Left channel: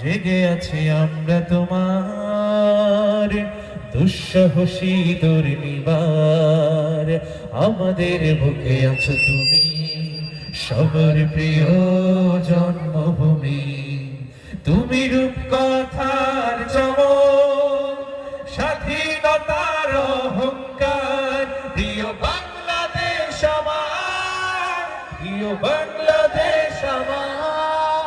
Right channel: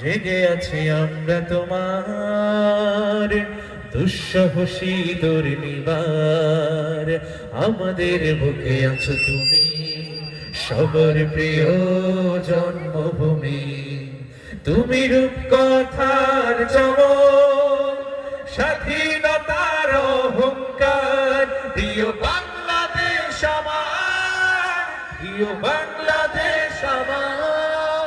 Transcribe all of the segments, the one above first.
জেগে আছি আমরা তোমার দুঃসহ শীতর নিবার, আমাদের বুকে আছো তুমি সবার প্রিয় জন্মভূমি। তুমি রূপকথার চমক, স্বাধীনতার অহংকার, প্রিয় বাংলাদেশ আমার, প্রিয় বাংলাদেশ আমার,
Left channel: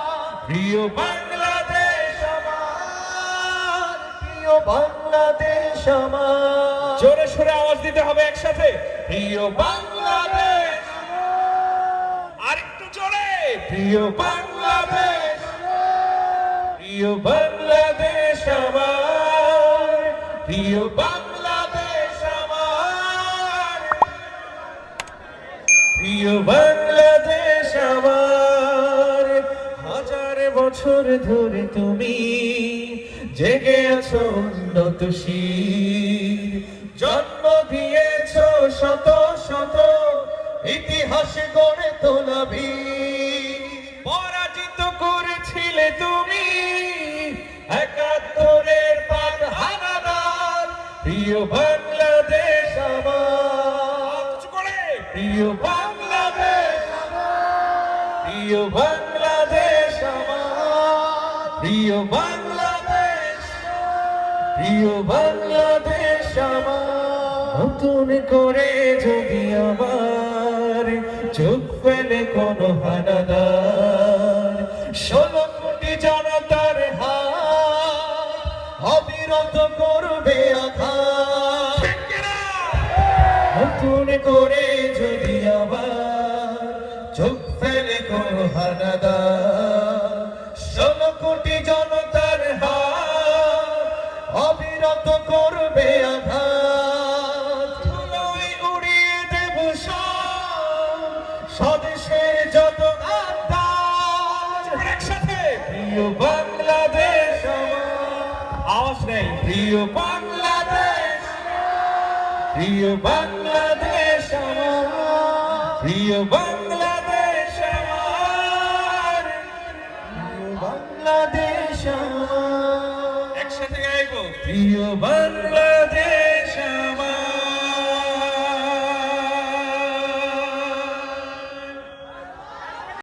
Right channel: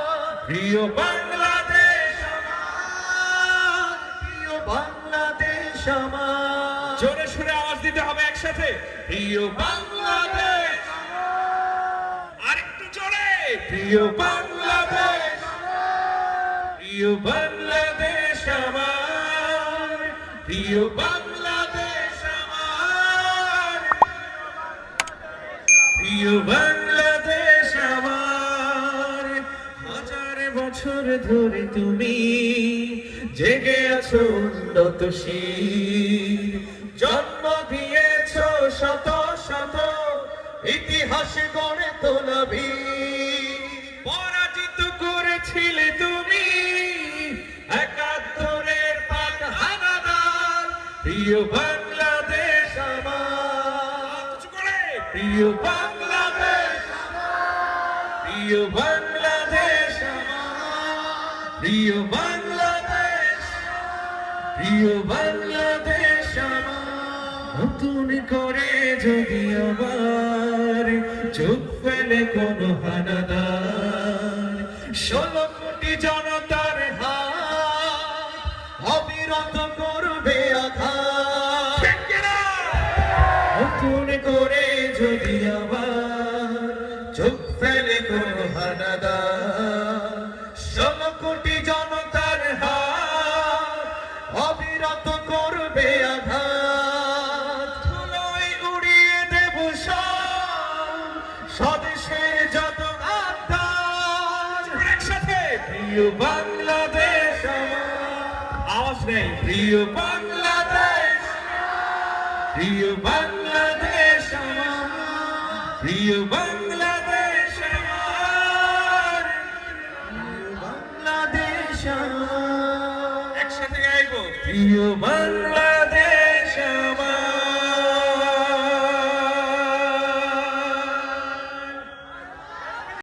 প্রিয় বাংলাদেশ আমার, প্রিয় বাংলাদেশ আমার। জোরে সোরে আওয়াজ দিতে হবে একসাথে, প্রিয় বাংলাদেশ, আরেকটু জোরে, প্রিয় বাংলাদেশ, প্রিয় বাংলাদেশ আমার, প্রিয় বাংলাদেশ আমার, প্রিয় বাংলাদেশ আমার। হাজার বছর ধরে তুমি জেগে আছো উন্নতশীল, জন্ম দিয়েছো শত শত ইতিহাস গড়ে তোলা বীর। পরাজিত করেছিলে তুমি একাত্তরের পাক হানাদার, প্রিয় বাংলাদেশ আমার, প্রিয় বাংলাদেশ, প্রিয় বাংলাদেশ আমার, প্রিয় বাংলাদেশ, প্রিয় বাংলাদেশ আমার। নতুন করে যদি আবার চোখ ফেলে কোন হানাদার, 16 কোটি জনতার হাত অবিরত করবে আঘাত। নতুন করে যদি আবার চোখ ফেলে কোন হানাদার, 16 কোটি জনতার হাত অবিরত করবে আঘাত। ধুলোয় উড়িয়ে দেব সব স্বদেশের যত আত্মার। একসাথে, প্রিয় বাংলাদেশ আমার, আওয়াজ নেই, প্রিয় বাংলাদেশ, প্রিয় বাংলাদেশ আমার, প্রিয় বাংলাদেশ আমার, প্রিয় বাংলাদেশ আমার। একসাথে গাইবো, প্রিয় বাংলা